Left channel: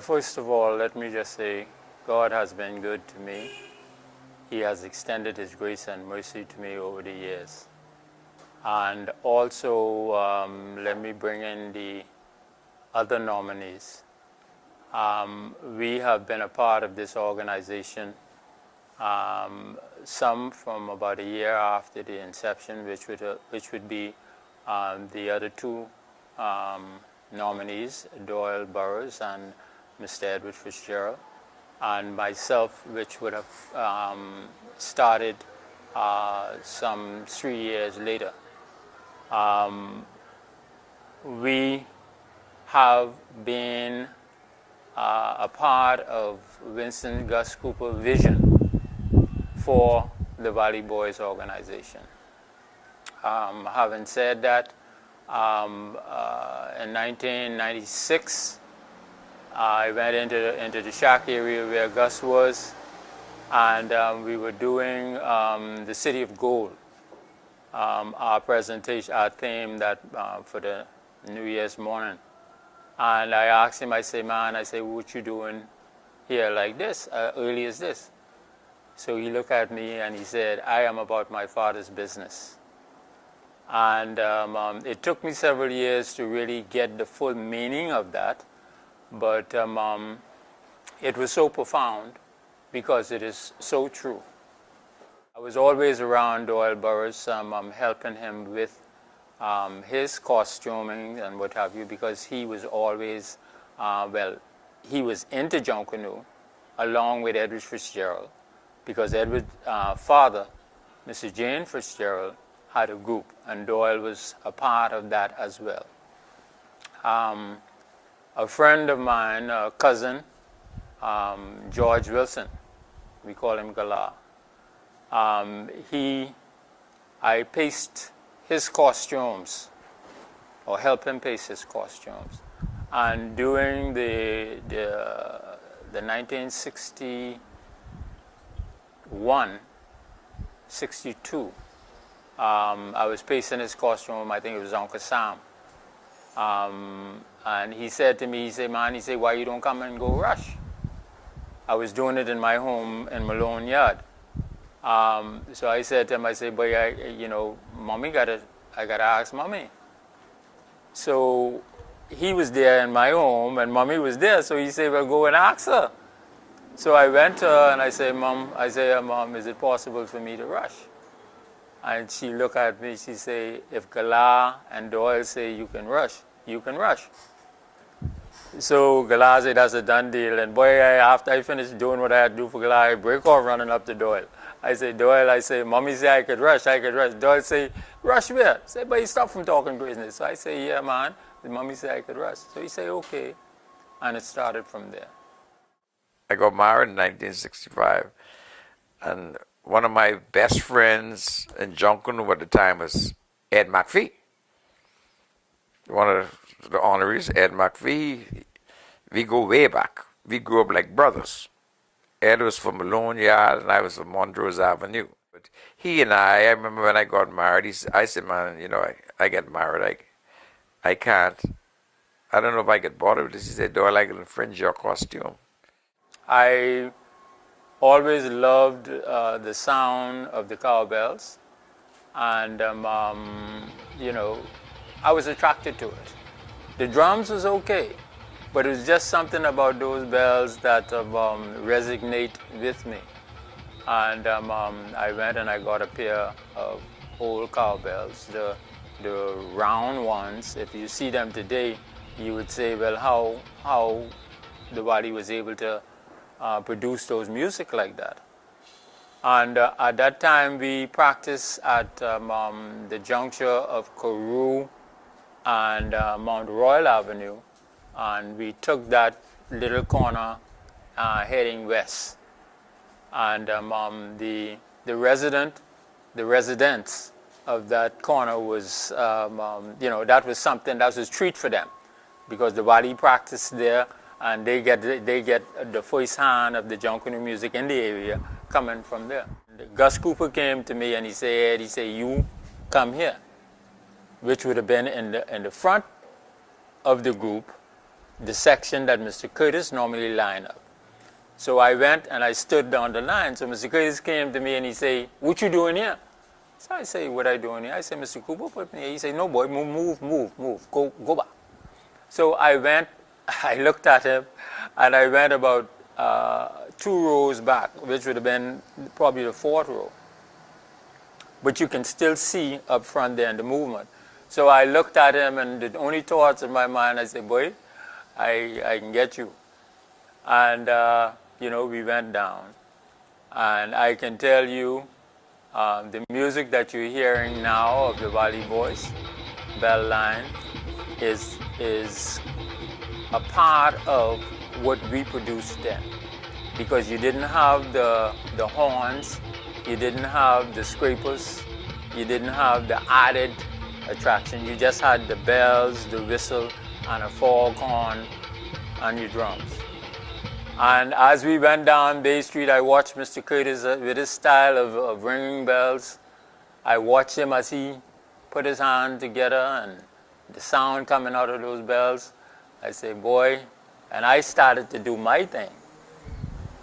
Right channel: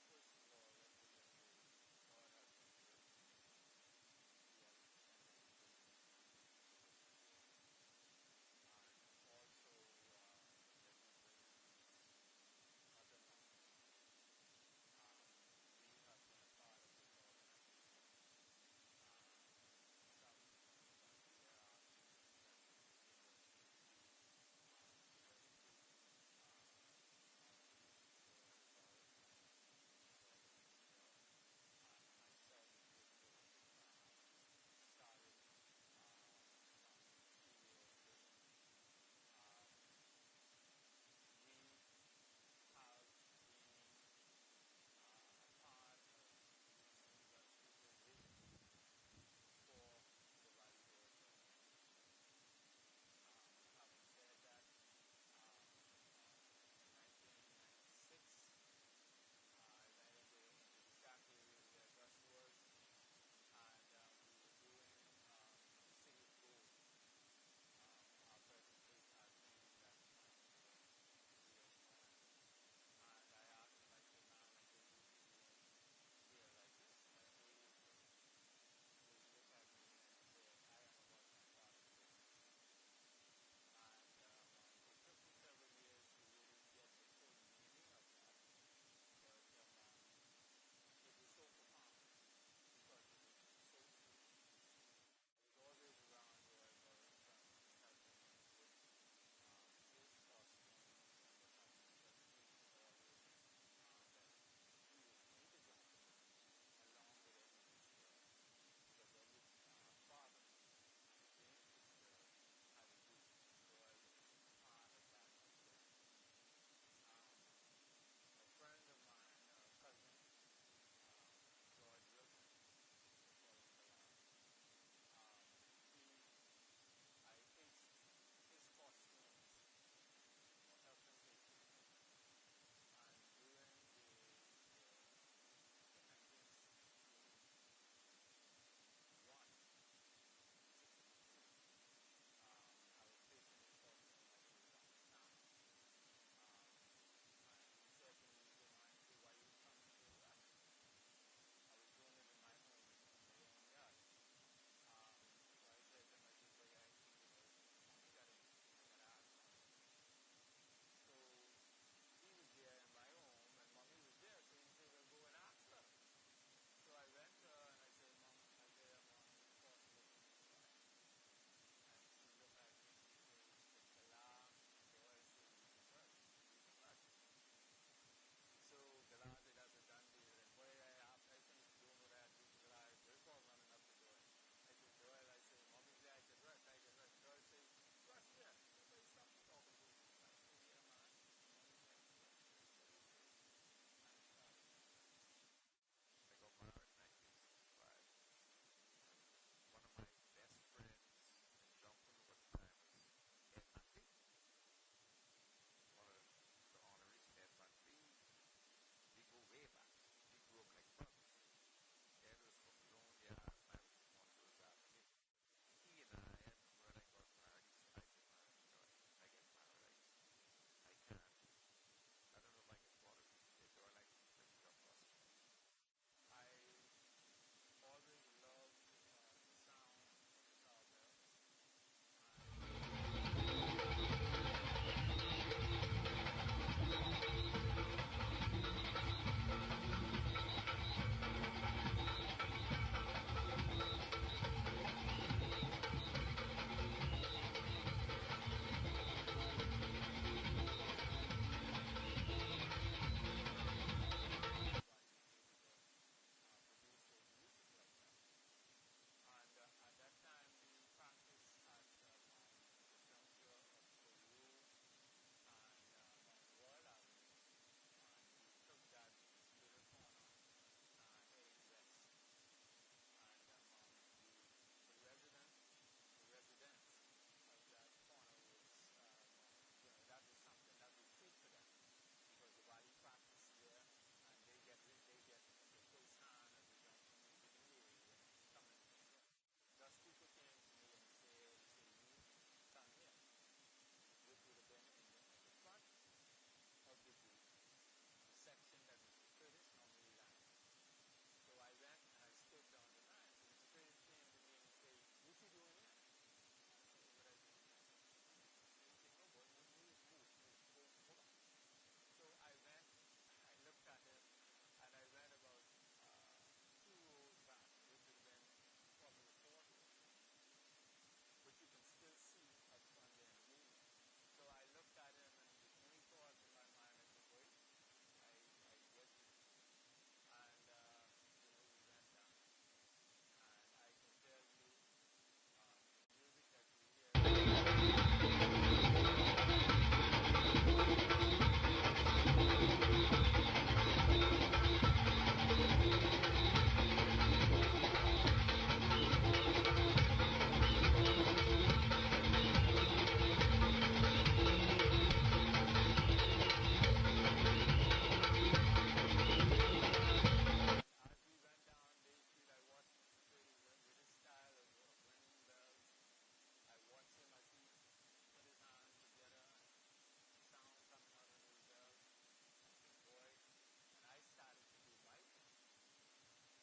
First of all, let me just say, God has been good to me. He has extended His grace and mercy to me over the years. And also, let me bring in the other nominees. We have been a part of this organization, some from about a year after the inception, which would be the other two nominees, Doyle Burroughs and Mr. Edward Fitzgerald, and myself, which would have started some 3 years later. We have been a part of Winston Gus Cooper's vision for the Valley Boys organization. Having said that, in 1996, I went into the shack area where Gus was, and we were doing the City of Gold, our presentation, our theme that for the New Year's morning. And I asked him, I say, man, what you doing here like this, early as this? So he looked at me and he said, I am about my father's business. And it took me several years to really get the full meaning of that, but it was so profound because it is so true. I was always around Doyle Burroughs, helping him with his costuming and what have you, because he was always, he was into Junkanoo along with Edward Fitzgerald, because Edward's father, Mr. Jane Fitzgerald, had a group, and Doyle was a part of that as well. A friend of mine, a cousin, George Wilson, we call him Galah, I paced his costumes, or helped him pace his costumes. And during the 1961, 62, I was pacing his costume, I think it was Uncle Sam. And he said to me, man, why you don't come and go rush? I was doing it in my home in Malone Yard. So I said to him, boy, Mommy I gotta ask Mommy. So he was there in my home, and Mommy was there, so he said, well, go and ask her. So I went to her and I said, Mom, is it possible for me to rush? And she looked at me, she said, if Galah and Doyle say you can rush, you can rush. So Galah said, that's a done deal. And boy, after I finished doing what I had to do for Galah, I break off running up to Doyle. I say, Doyle, Mommy said I could rush. Doyle say, rush where? I say, but you stop from talking business. So I say, yeah, man. The Mommy said I could rush. So he say, okay. And it started from there. I got married in 1965. And one of my best friends in Junkanoo at the time was Ed McPhee. One of the honorees, Ed McPhee. We go way back. We grew up like brothers. Ed was from Malone Yard and I was from Montrose Avenue. But he and I remember when I got married, I said, man, I get married, I can't. I don't know if I get bothered with this. He said, do I like to infringe your costume? I always loved the sound of the cowbells, and I was attracted to it. The drums was okay, but it was just something about those bells that resonate with me. And I went and I got a pair of old cowbells, the round ones. If you see them today, you would say, well, how the body was able to produce those music like that. And at that time, we practiced at the juncture of Carew and Mount Royal Avenue, and we took that little corner heading west. And the residents of that corner was, that was something, that was a treat for them, because the body practiced there, and they get the first hand of the Junkanoo music in the area coming from there. Gus Cooper came to me and he said, you come here. which would have been in the front of the group, the section that Mr. Curtis normally lined up. So I went and I stood down the line. So Mr. Curtis came to me and he said, "What you doing here?" So I say, "What I doing here?" I said, "Mr. Cooper put me here." He said, "No, boy, move, go back." So I went, I looked at him, and I went about 2 rows back, which would have been probably the 4th row. But you can still see up front there in the movement. So I looked at him, and the only thoughts in my mind, I said, "Boy, I can get you." And, we went down. And I can tell you, the music that you're hearing now of the Valley Boys bell line is a part of what we produced then. Because you didn't have the horns, you didn't have the scrapers, you didn't have the added attraction. You just had the bells, the whistle, and a foghorn, and your drums. And as we went down Bay Street, I watched Mr. Curtis with his style of ringing bells. I watched him as he put his hand together and the sound coming out of those bells. I say, "Boy," and I started to do my thing.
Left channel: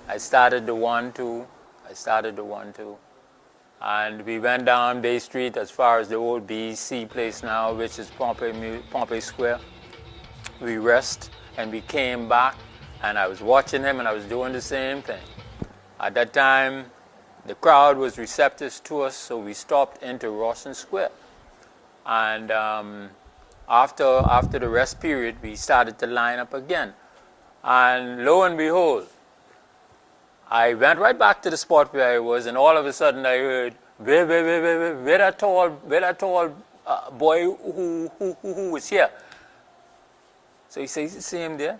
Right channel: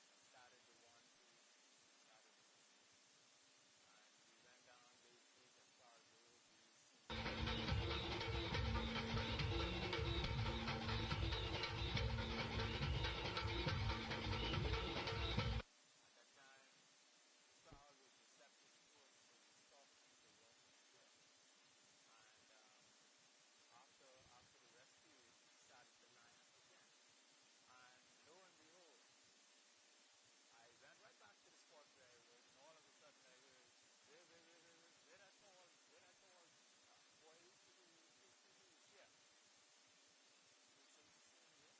I started the 1-2. And we went down Bay Street as far as the old BEC place now, which is Pompey Square. We rest and we came back. And I was watching him, and I was doing the same thing. At that time, the crowd was receptive to us, so we stopped into Rawson Square. And after the rest period, we started to line up again. And lo and behold, I went right back to the spot where I was, and all of a sudden I heard, where that tall boy who was here. So he says, "See him there?"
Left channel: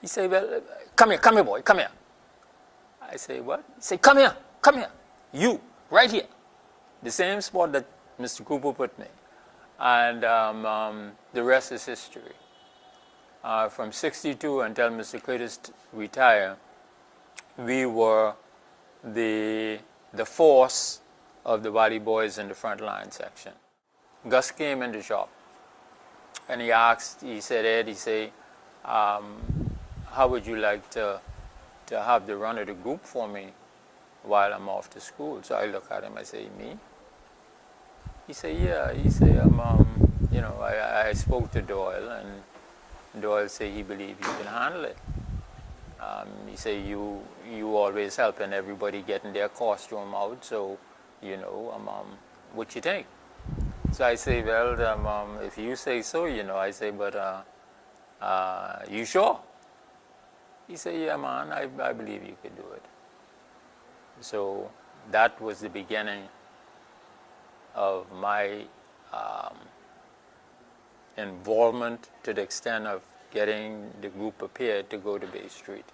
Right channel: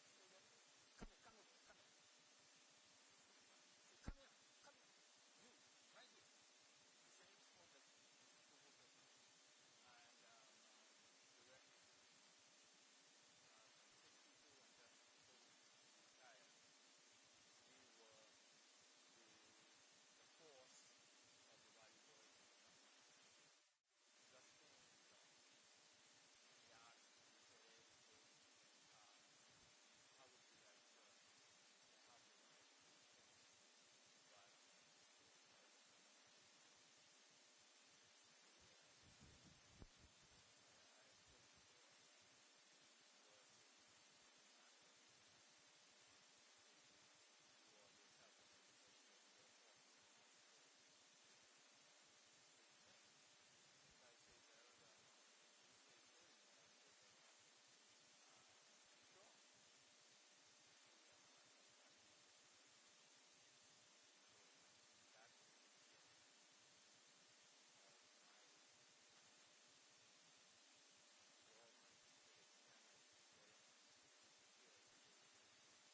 He said, "Well, come here, boy, come here." I say, "What?" He said, come here, you, right here." The same spot that Mr. Cooper put me. And the rest is history. From 62 until Mr. Curtis retired, we were the force of the Valley Boys in the front line section. Gus came in the shop, and he said, "Ed, how would you like to have the run of the group for me while I'm off to school?" So I look at him, I say, "Me?" He said, "Yeah." He said, I spoke to Doyle, and Doyle said he believed you can handle it. He said, you always helping everybody getting their costume out, so, what you think?" So I say, "Well, if you say so, I say, but you sure?" He said, "Yeah, man, I believe you could do it." So that was the beginning of my involvement to the extent of getting the group prepared to go to Bay Street.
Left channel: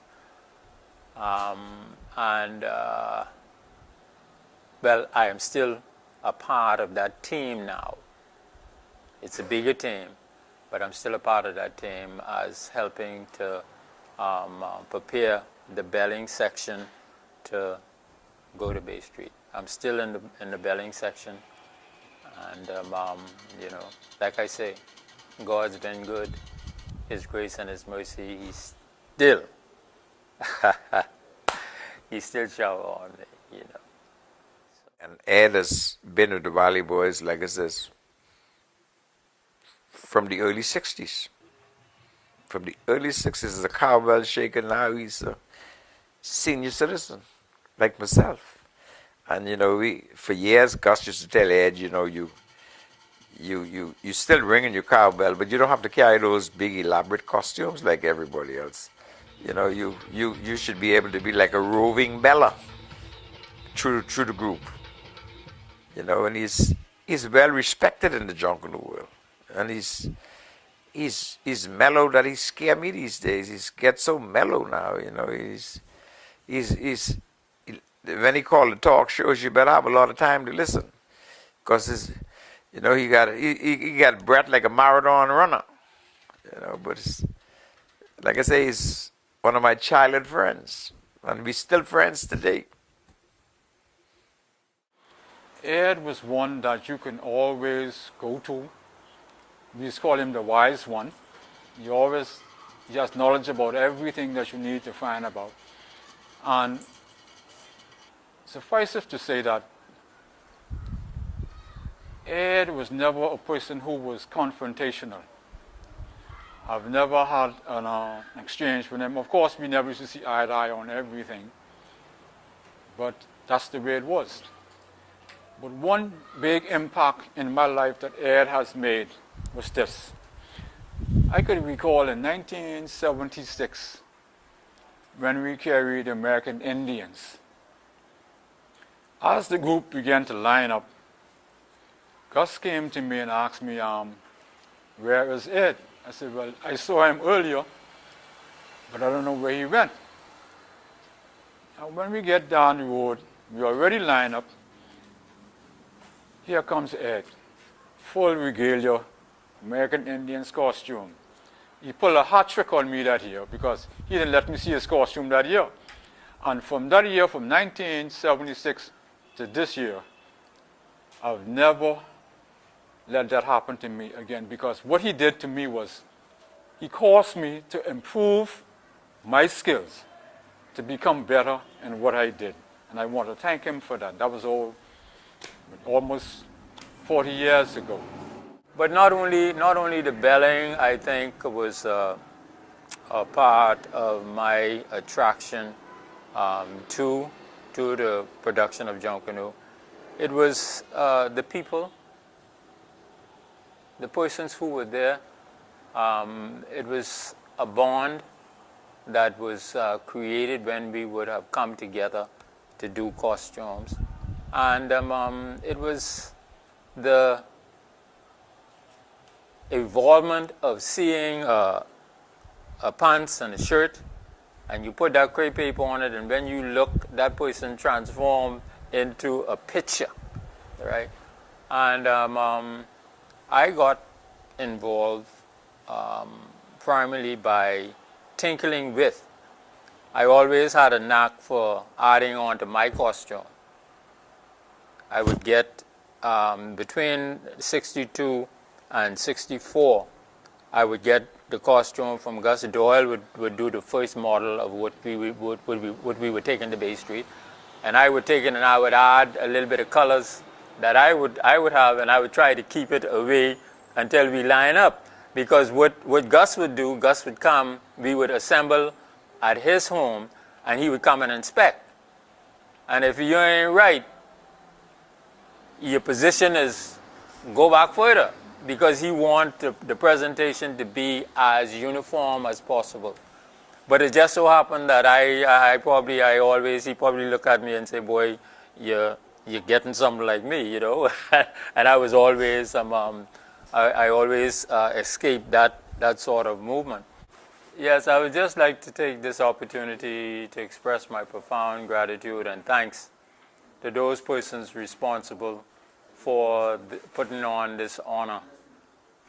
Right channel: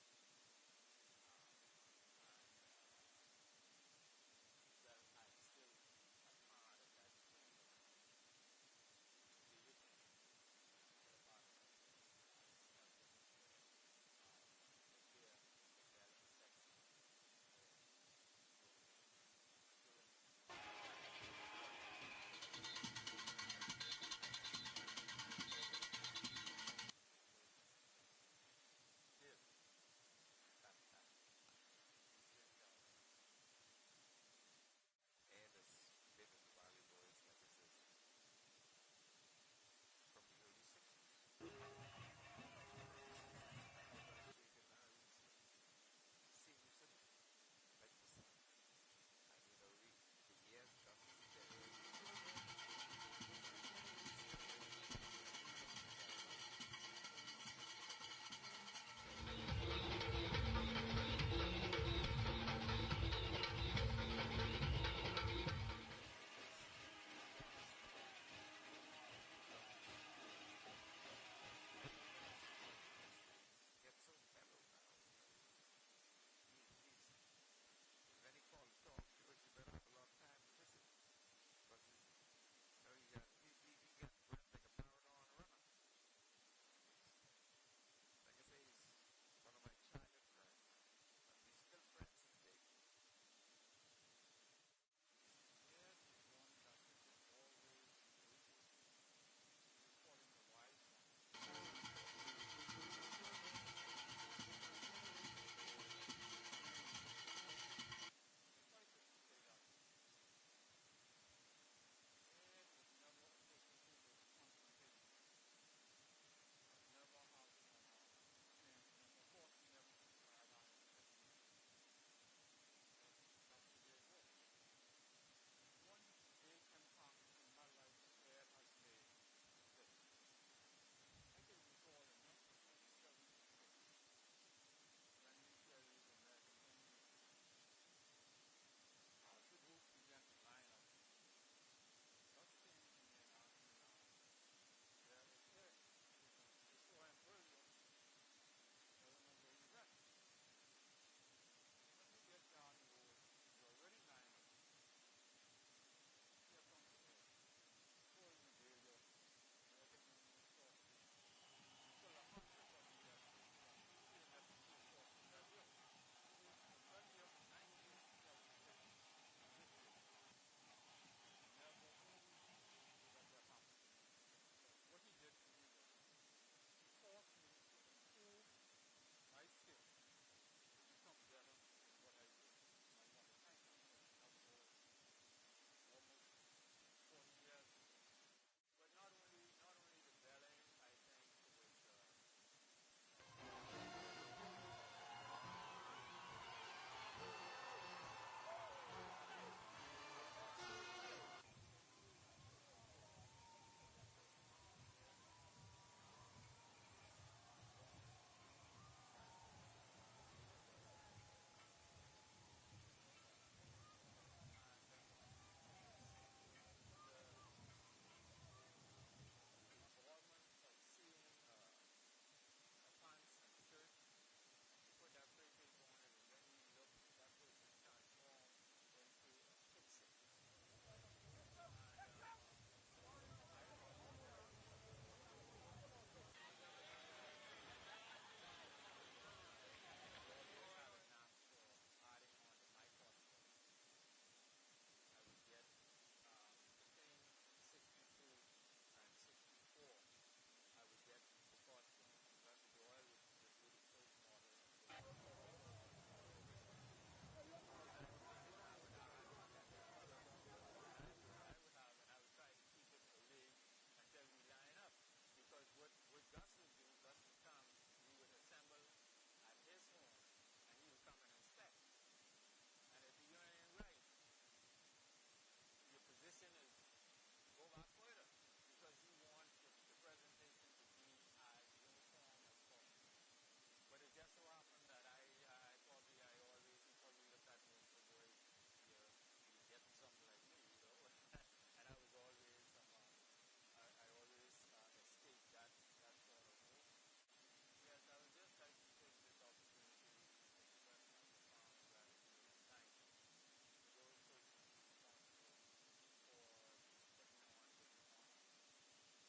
Well, I am still a part of that team now. It's a bigger team, but I'm still a part of that team as helping to prepare the belling section to go to Bay Street. I'm still in the belling section, and like I say, God's been good. His grace and His mercy, He still shower on me, And Ed has been with the Valley Boys, like I says, from the early 60s. From the early 60s, as a cowbell shaker, now he's a senior citizen, like myself. And, for years, Gus used to tell Ed, you still ringing your cowbell, but you don't have to carry those big elaborate costumes like everybody else. You should be able to be like a roving beller through the group. And he's well respected in the jungle world. And he's mellow that he scare me these days. He gets so mellow now, he's when he called the talk shows, you better have a lot of time to listen, because he got breath like a marathon runner, But like I say, he's one of my childhood friends, and we're still friends today. Ed was one that you can always go to We used to call him the wise one. He always just knowledge about everything that you need to find about. And suffice it to say that Ed was never a person who was confrontational. I've never had an exchange with him. Of course, we never used to see eye to eye on everything, but that's the way it was. But one big impact in my life that Ed has made was this. I could recall in 1976 when we carried the American Indians. As the group began to line up, Gus came to me and asked me, where is Ed? I said, well, I saw him earlier, but I don't know where he went. And when we get down the road, we already line up. Here comes Ed, full regalia, American Indians costume. He pulled a hat trick on me that year because he didn't let me see his costume that year. And from that year, from 1976 to this year, I've never let that happen to me again, because what he did to me was he caused me to improve my skills, to become better in what I did. And I want to thank him for that. That was almost 40 years ago. But not only the belling, I think, was a part of my attraction to the production of Junkanoo. It was the people, the persons who were there. It was a bond that was created when we would have come together to do costumes. And it was the involvement of seeing a pants and a shirt, and you put that crepe paper on it, and when you look, that person transformed into a picture, right? And I got involved primarily by tinkering with. I always had a knack for adding on to my costume. I would get between 62 and 64, I would get the costume from Gus. Doyle would do the first model of what we would take into Bay Street, and I would take it and I would add a little bit of colors that I would have, and I would try to keep it away until we line up. Because what Gus would do, Gus would come, we would assemble at his home, and he would come and inspect. And if you ain't right, your position is go back further, because he wants the presentation to be as uniform as possible. But it just so happened that he probably look at me and say, boy, you're getting something like me, you know. And I was always, I always escaped that sort of movement. Yes, I would just like to take this opportunity to express my profound gratitude and thanks to those persons responsible for putting on this honor.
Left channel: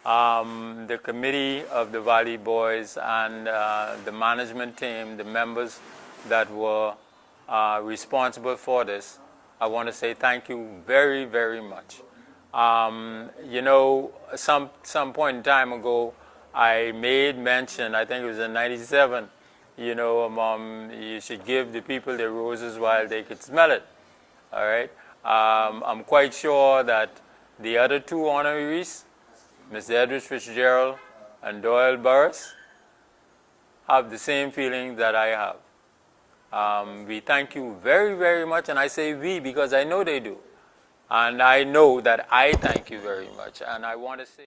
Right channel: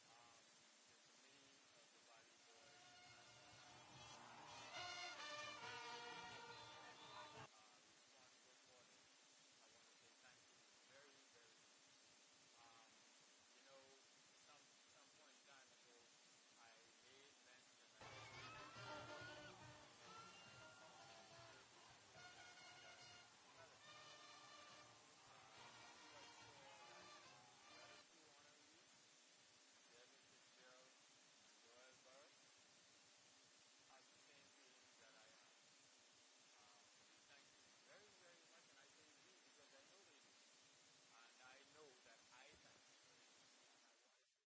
The committee of the Valley Boys and the management team, the members that were responsible for this, I want to say thank you very, very much. You know, some point in time ago, I made mention, I think it was in 97, you know, you should give the people their roses while they could smell it, all right? I'm quite sure that the other two honorees, Mr. Edward Fitzgerald and Doyle Burris, have the same feeling that I have. We thank you very, very much, and I say we because I know they do. And I know that I thank you very much, and I want to say